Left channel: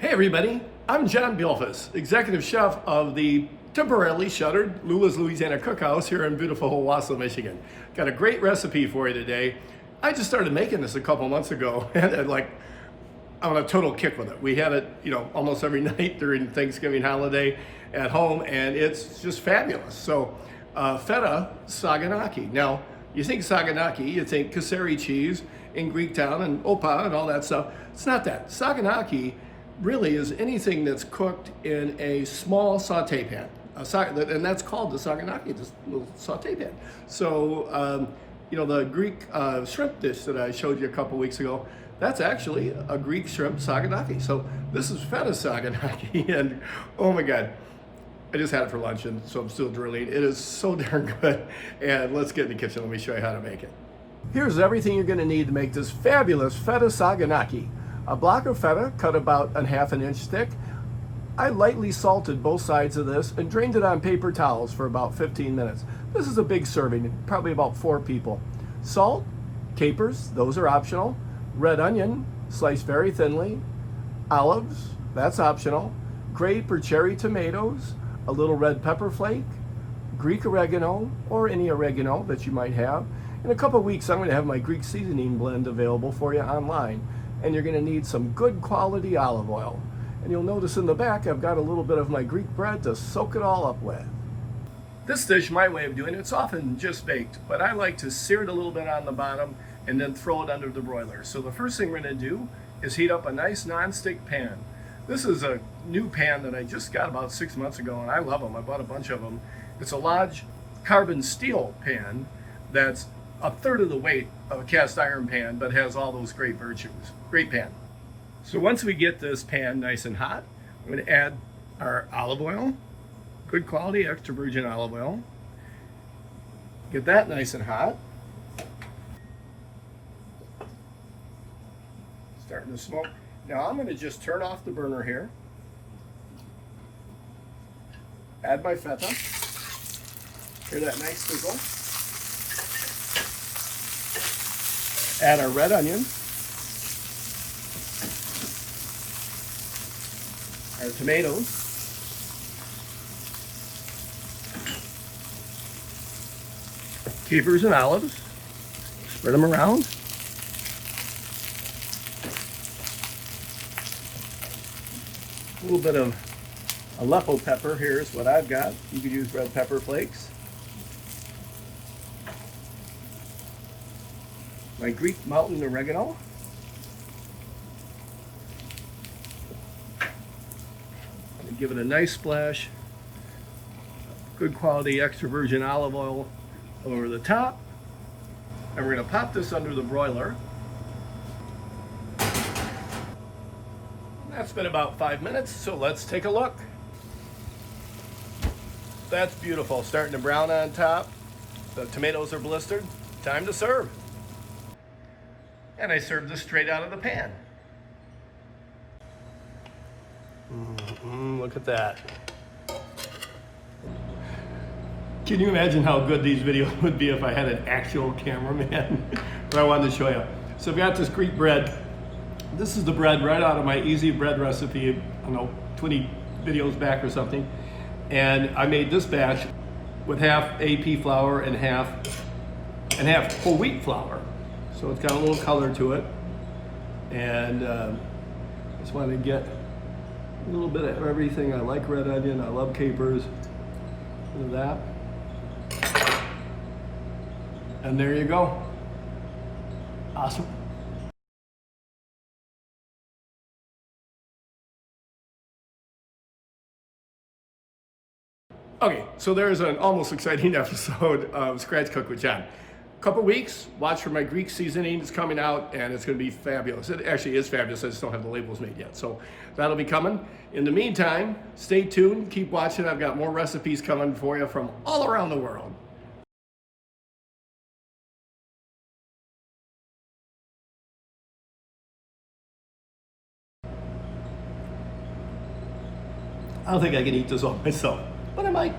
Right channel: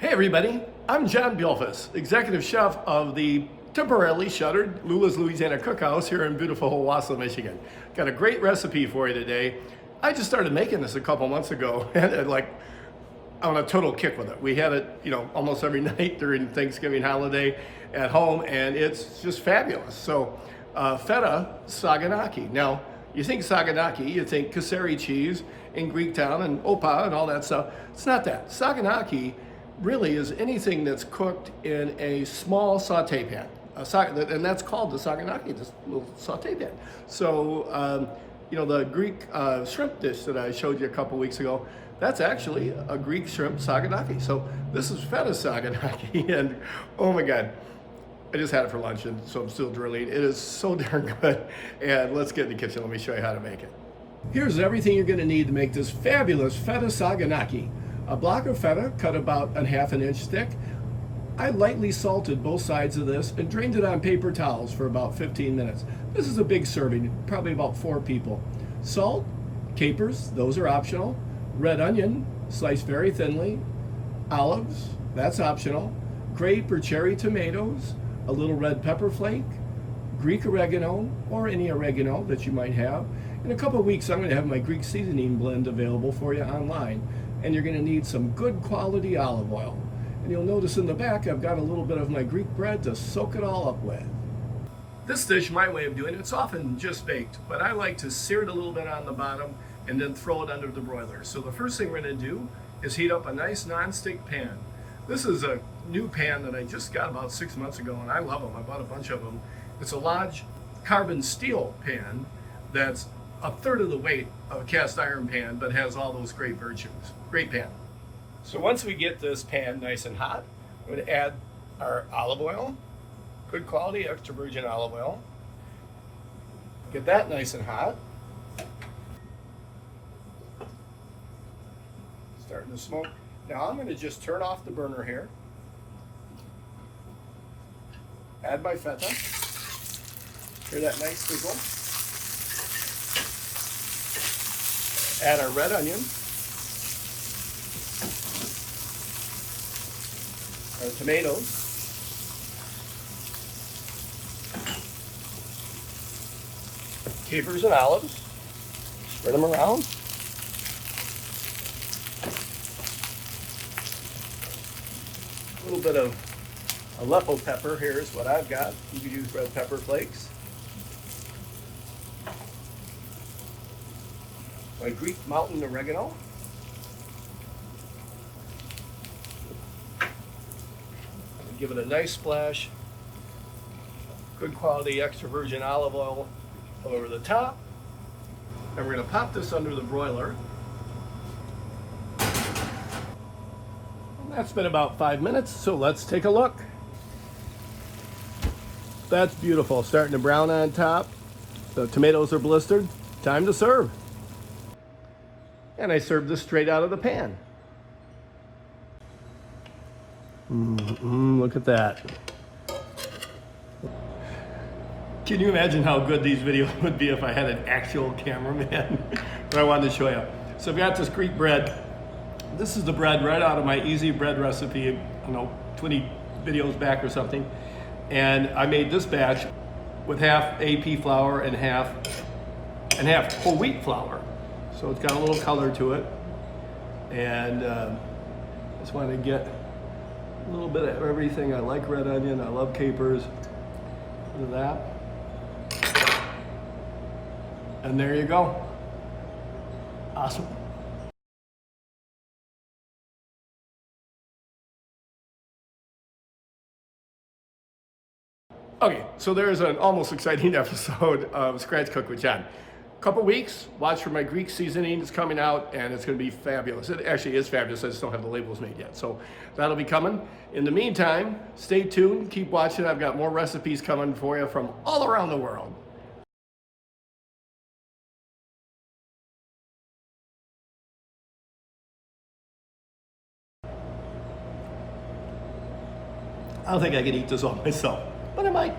Hey everybody, I'm John Beilfuss, executive chef of the temporarily shuttered Lula's Louisiana Cookhouse here in beautiful Owasso, Michigan. Got a great recipe for you today. I just started making this a couple months ago and I'm on a total kick with it. We had it, almost every night during Thanksgiving holiday at home, and it's just fabulous. So, Feta Saganaki. Now, you think Saganaki, you think Kasseri cheese in Greek town and opa and all that stuff. It's not that. Saganaki really is anything that's cooked in a small saute pan. And that's called the Saganaki, this little saute pan. So, the Greek shrimp dish that I showed you a couple weeks ago, that's actually a Greek shrimp Saganaki. So this is Feta Saganaki, and oh my God, I just had it for lunch, and so I'm still drooling. It is so darn good. And let's get in the kitchen. Let me show you how to make it. Here's everything you're gonna need to make this fabulous Feta Saganaki. A block of feta cut about a ½ inch thick. I lightly salted both sides of this and drained it on paper towels for about 15 minutes. This is a big serving, probably about 4 people. Salt, capers, those are optional. Red onion, sliced very thinly. Olives, that's optional. Grape or cherry tomatoes, a little red pepper flake, Greek oregano, or any oregano that you might have. In a couple of weeks, I'm going to have my Greek seasoning blend available for you online. And you're going to need some good quality olive oil. And you'll notice in the back, I've got a little bit of my Greek bread to soak it all up with. This dish, my way of doing it, it's often just baked, but I like to sear it a little bit on the bottom and then throw it under the broiler. So the first thing we're going to do is heat up a nice non-stick pan. This is a new pan that I just got about 6 months ago, and I love them. I bought a bunch of them. It's a Lodge carbon steel pan that's a third of the weight of a cast iron pan, but has all those great virtues. Great pan. So once we get this pan nice and hot, I'm going to add our olive oil, good quality extra virgin olive oil. Get that nice and hot. Starting to smoke. Now I'm going to just turn off the burner here. Add my feta. Hear that nice sizzle. Add our red onion, our tomatoes, capers and olives, spread them around. A little bit of Aleppo pepper here is what I've got. You could use red pepper flakes. My Greek mountain oregano. Give it a nice splash. Good quality extra virgin olive oil over the top. And we're going to pop this under the broiler. That's been about 5 minutes, so let's take a look. That's beautiful, starting to brown on top. The tomatoes are blistered. Time to serve. And I served this straight out of the pan. Look at that. Can you imagine how good these videos would be if I had an actual cameraman? But I wanted to show you. So I've got this Greek bread. This is the bread right out of my easy bread recipe, I don't know, 20 videos back or something. And I made this batch with half AP flour and half whole wheat flour. So it's got a little color to it. And just want to get a little bit of everything. I like red onion, I love capers. Look at that. And there you go. Awesome. Okay, so there's an almost exciting episode of Scratch Cook with John. Couple weeks, watch for my Greek seasoning. It's coming out and it's going to be fabulous. It actually is fabulous. I just don't have the labels made yet. So that'll be coming. In the meantime, stay tuned. Keep watching. I've got more recipes coming for you from all around the world. I don't think I can eat this all myself, but I might.